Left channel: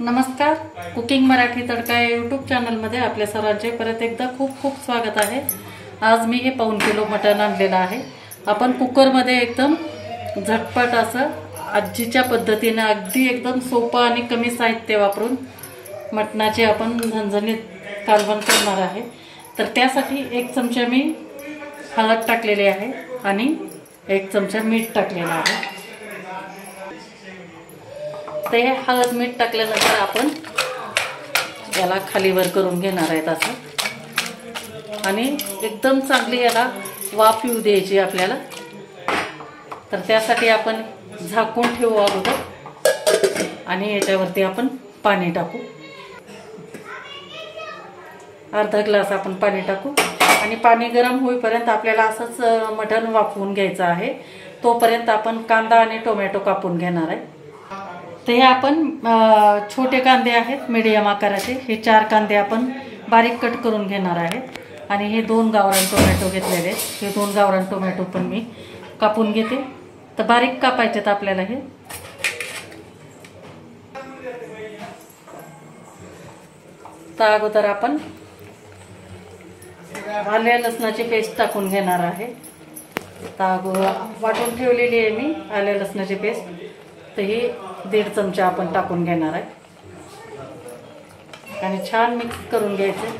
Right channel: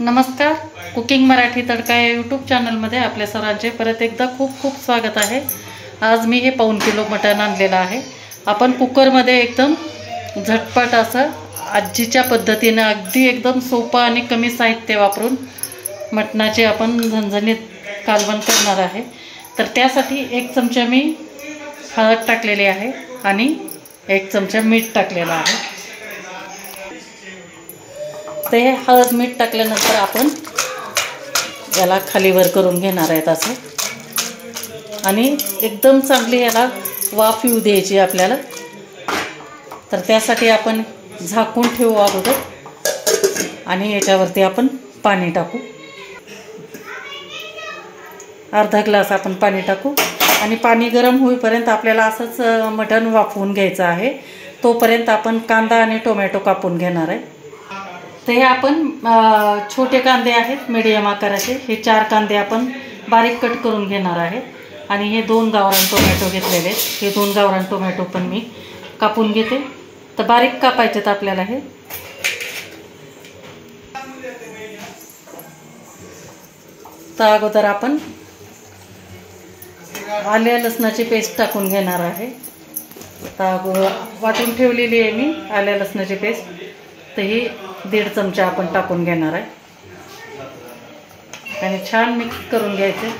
नमस्कार, कुकिंग मराठी तडका या यूट्यूब चॅनलमध्ये आपल्या सर्वांचे परत एकदा खूप खूप स्वागत आहे। आज मी हे 1.5 किलो मटण आणलेलं आहे। आपण कुकरमध्ये एकदम झटपट असं आजीच्या पद्धतीने अगदी एकदम सोपं आणि कमी साहित्य वापरून मटणाचे आपण झणझणीत कालवण करणार आहे। तर त्यासाठी 1 चमचा मी हळद टाकलेली आहे आणि 1 चमचा मीठ टाकलेलं आहे। ते हळद मीठ टाकल्यानंतर आपण याला खाली वर करून घेणार आहेत असं आणि एकदम चांगली याला वाफ येऊ द्यायची आपल्याला। तर त्यासाठी आपण झाकून ठेवू अगोदर आणि याच्यावरती आपण पाणी टाकू। अर्धा ग्लास आपण पाणी टाकू आणि पाणी गरम होईपर्यंत आपल्याला असंच मटण वाफवून घ्यायचं आहे। तोपर्यंत आपण कांदा आणि टोमॅटो कापून घेणार आहे। ते आपण छोटे कांदे आहेत मीडियम आकाराचे, हे 4 कांदे आपण बारीक कट करून घेणार आहे आणि हे 2 गावरान टोमॅटो घेतलेले, हे 2 गावरान टोमॅटो पण मी कापून घेते। तर बारीक कापायचेत आपल्याला हे। तर अगोदर आपण आल्या लसणाची पेस्ट टाकून घेणार आहे। तर वाटून ठेवलेली आहे मी आल्या लसणाची पेस्ट, तर ही 1.5 चमचा आपण टाकून घेणार आहे आणि छान मिक्स करून घ्यायचे।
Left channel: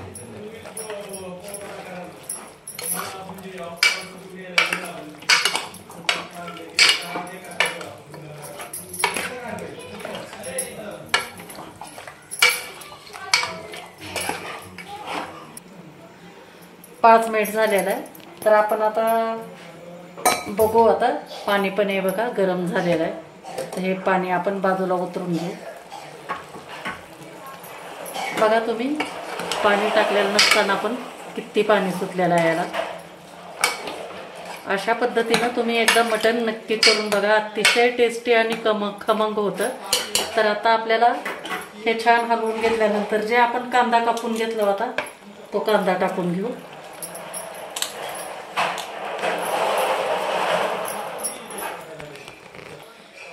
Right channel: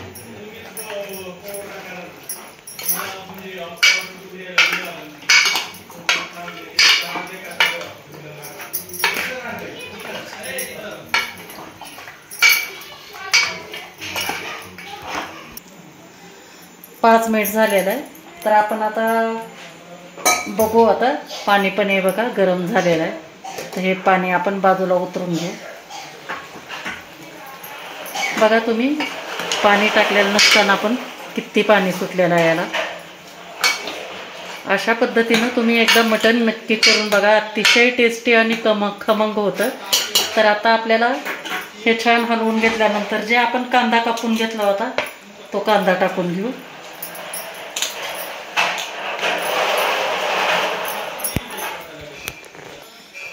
पाच मिनिट झालेलं आहे। तर आपण आता बघू, आता पाणी पण हे बघा गरम झालेलं आहे। तर हे पाणी आपण बाजूला उतरून घेऊ। बघा तुम्ही पाणी टाकलेलं नसताना पण किती पाणी सुटलेलं आहे याला। अशा पद्धतीने तुम्ही एकदा मटण नक्की करून बघा, अतिशय टेस्टी आणि खमंग होतं। तर आता आपल्याला हे छान हलवून घेतल्यानंतर जे आपण कांदा कापून घेतला होता तो कांदा टाकून घेऊ।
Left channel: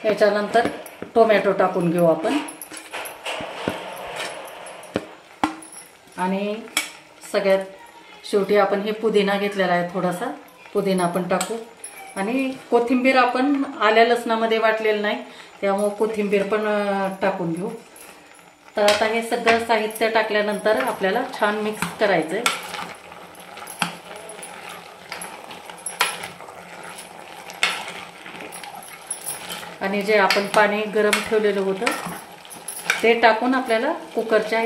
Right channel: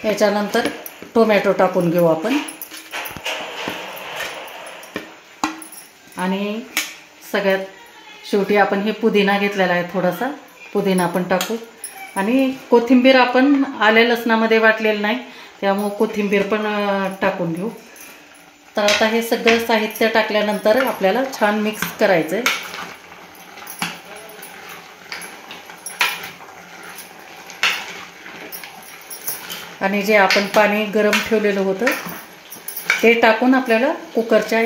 याच्यानंतर टोमॅटो टाकून घेऊ आपण आणि सगळ्यात शेवटी आपण हे पुदिना घेतलेला आहे, थोडासा पुदिना आपण टाकू आणि कोथिंबीर आपण आल्या लसणामध्ये वाटलेलं नाही, त्यामुळे कोथिंबीर पण टाकून घेऊ। तर आता हे सगळं साहित्य टाकल्यानंतर आपल्याला छान मिक्स करायचं आहे आणि जे आपण पाणी गरम ठेवलेलं होतं ते टाकून आपल्याला कुकरच्या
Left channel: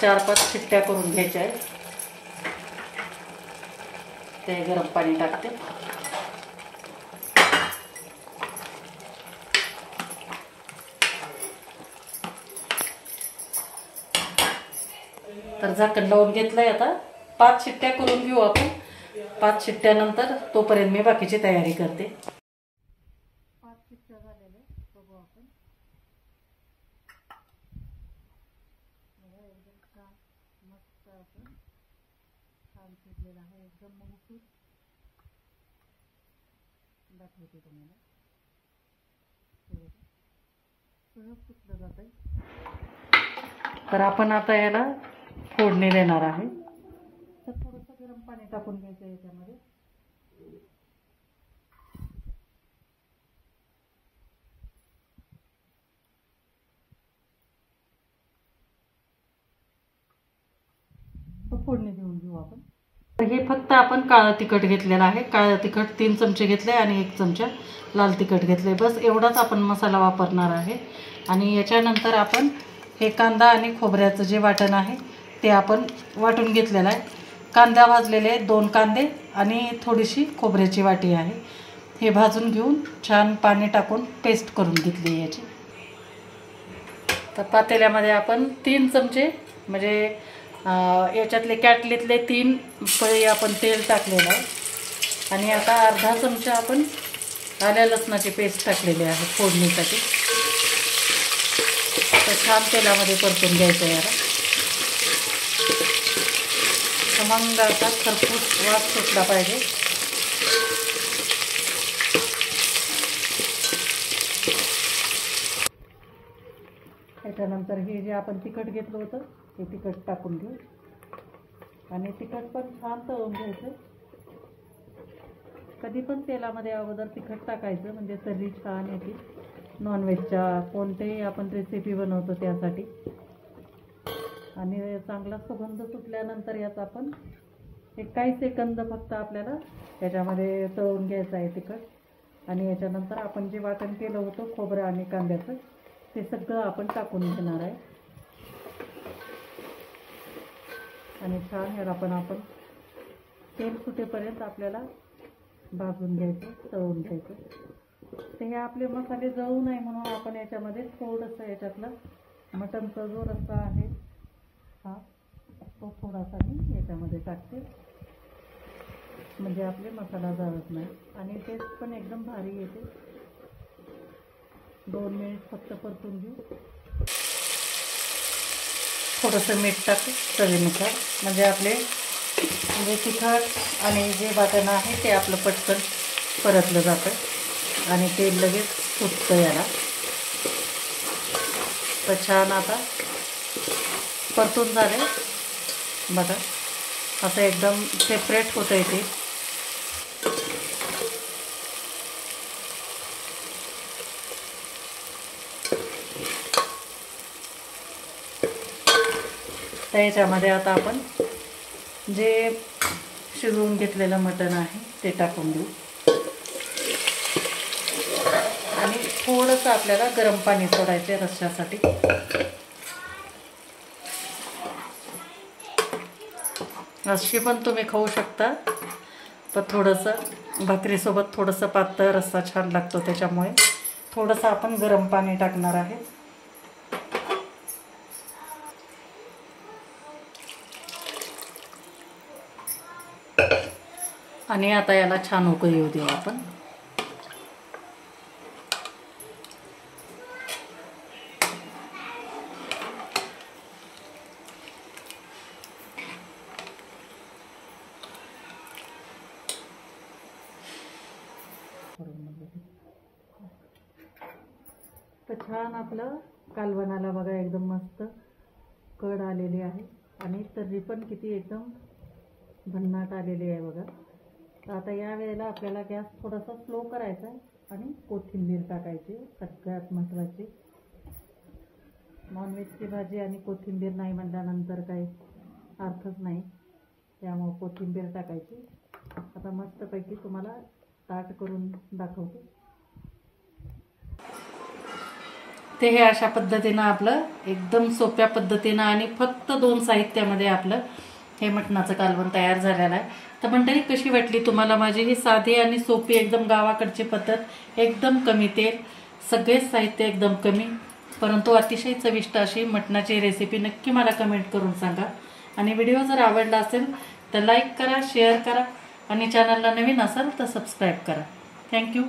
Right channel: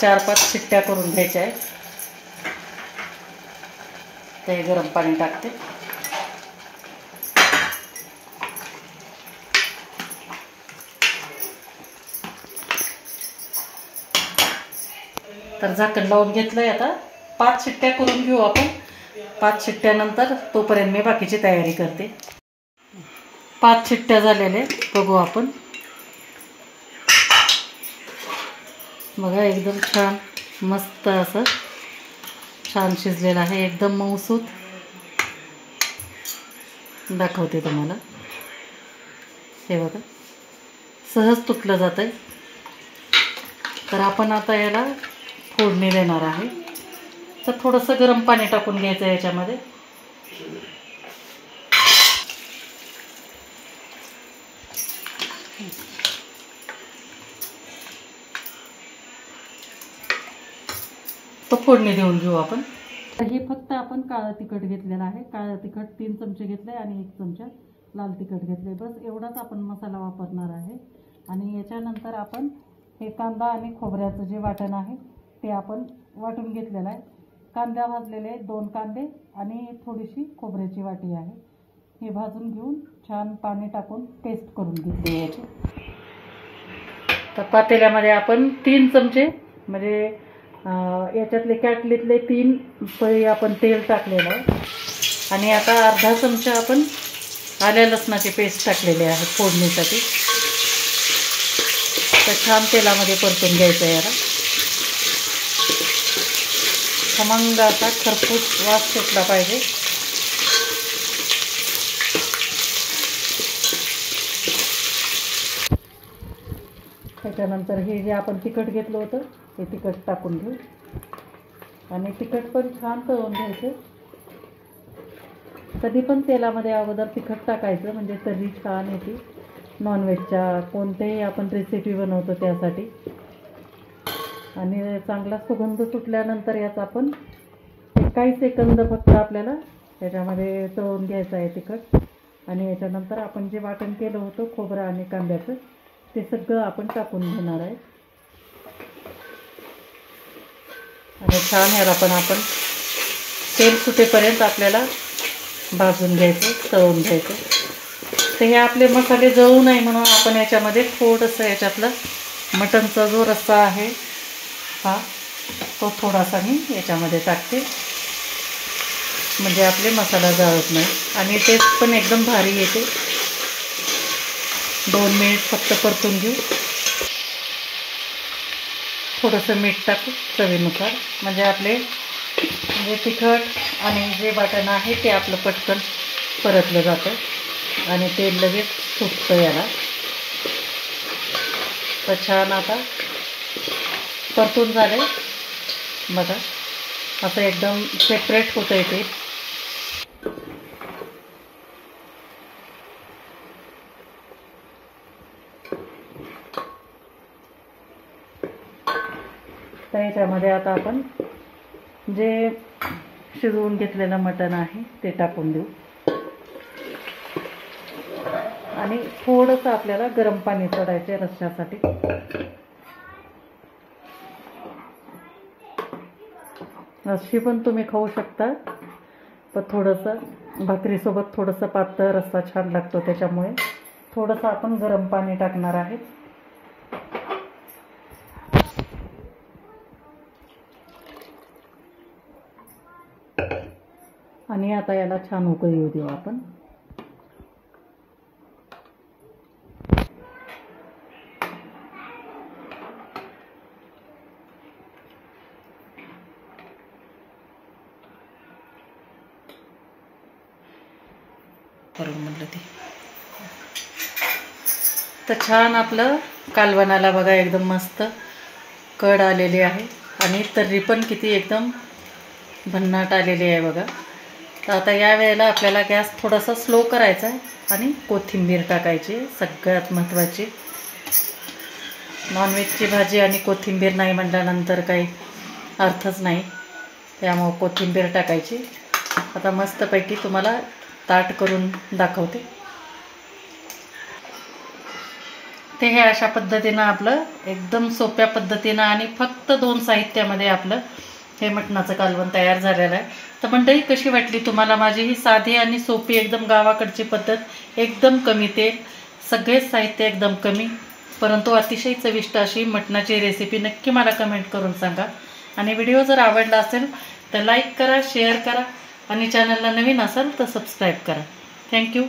4-5 शिट्ट्या करून घ्यायच्या आहेत। ते गरम पाणी टाकते। तर झाकण लावून घेतलंय। आता 5 शिट्ट्या करून घेऊ आपण। 5 शिट्ट्यानंतर तोपर्यंत मी बाकीची तयारी करते। 5 शिट्ट्या झालेल्या बघू आपण। बघा एकदम छान मस्त असं छान शिजलेलं आहे, एकदम मऊसूत दाखवते तुम्हाला। हे बघा सहज तुटलं जात आहे। तर आपण आता याला फोडणी देणार आहे। तर थोडंसं गरम पाणी टाकून घ्यायचं याच्यामध्ये। तो फोडणी देऊन घेऊ आपण। तर हे फक्त आपण काळं तिखट घेतलेलं आहे। काळं तिखट 3 चमचे घेतले आणि 1 चमचा लाल तिखट घेतले, बस एवढाच आपण मसाला वापरणार आहे। आणि याच्यानंतर आपण हे कांदा आणि खोबऱ्याचं जे वाटण आहे ते आपण वाटून घेतलेलं आहे। कांदा भाजलेले 2 कांदे आणि थोडीशी खोबऱ्याची वाटी आहे, हे भाजून घेऊन छान पाणी टाकून पेस्ट करून घेतली याची। तर पातेल्यामध्ये आपण 3 चमचे म्हणजे याच्यातले कॅटलीतले 3 पळी आपण तेल टाकलेलं आहे आणि आता अर्धा चमचा आपण आल्या लसणाची पेस्ट टाकलेली आहे फोडणीसाठी। तर छान तेलामध्ये परतून घ्यायचं याला। खमंग असा खरपूस वास सुटला पाहिजे। त्याच्यानंतर हे जे आपण तिखट घेतलं होतं ते तिखट टाकून घेऊ आणि तिखट पण छान तळून घ्यायचं. कधी पण तेलामध्ये अगोदर तिखट टाकायचं म्हणजे तर्री छान येते. नॉनव्हेजच्या कोणत्याही आपण रेसिपी बनवतो त्यासाठी. आणि चांगला सुगंध सुटल्यानंतर याचा आपण काही सेकंद फक्त आपल्याला त्याच्यामध्ये तळून घ्यायचं आहे तिखट. आणि याच्यानंतर आपण जे वाटण केलं होतं खोबरं आणि कांद्याचं ते सगळं आपण टाकून घेणार आहे. आणि छान ह्याला पण आपण तेल सुटेपर्यंत आपल्याला भाजून घ्यायचं, तळून घ्यायचं. तर हे आपले मसाले जळू नये म्हणून आपण याच्यामध्ये थोडंसं याच्यातलं मटणचा जो रस्सा आहे हा तो थोडासा मी याच्यामध्ये टाकते म्हणजे आपले मसाला जळत नाही आणि टेस्ट पण एकदम भारी येते. 2 मिनिट फक्त परतून घेऊ. थोडंसं मीठ टाकू चवीनुसार म्हणजे आपले म्हणजे तिखट आणि जे वाटण आहे ते आपलं पटकन परतलं जातं आणि तेल लगेच सुटतं याला. तर छान आता परतून झाले बघा. असं एकदम सेपरेट होतं आहे ते. तर याच्यामध्ये आता आपण जे शिजवून घेतलेलं मटण आहे ते टाकून देऊ आणि थोडंसं आपल्याला गरम पाणी सोडायचे रश्श्यासाठी. रश्शी पण तुम्ही खाऊ शकता पण थोडंसं भाकरीसोबत थोडंसं पातळ रस्सा छान लागतो त्याच्यामुळे थोडंसं आपण गरम पाणी टाकणार आहे. आणि आता याला छान उकळी येऊ देऊ आपण. तर छान आपलं कालवणाला बघा एकदम मस्त कड आलेली आहे आणि तर्री पण किती एकदम भन्नाट आलेली आहे बघा. तर आता या वेळेला आपल्याला गॅस थोडासा स्लो करायचा आहे आणि कोथिंबीर टाकायची. सगळ्यात महत्त्वाची नॉनव्हेजची भाजी आणि कोथिंबीर नाही म्हटल्यानंतर काही अर्थच नाही. त्यामुळं कोथिंबीर टाकायची. आता मस्तपैकी तुम्हाला ताट करून दाखवते. ते हे अशा पद्धतीनं आपलं एकदम सोप्या पद्धतीनं आणि फक्त 2 साहित्यामध्ये आपलं हे मटणाचं कालवण तयार झालेलं आहे. तर मंडळी कशी वाटली तुम्हाला माझी ही साधी आणि सोपी एकदम गावाकडची पद्धत. एकदम कमी तेल, सगळेच साहित्य एकदम कमी परंतु अतिशय चविष्ट अशी मटणाची रेसिपी नक्की मला कमेंट करून सांगा. आणि व्हिडिओ जर आवडला असेल तर लाईक करा, शेअर करा आणि चॅनलला नवीन असाल तर सबस्क्राईब करा. थँक्यू.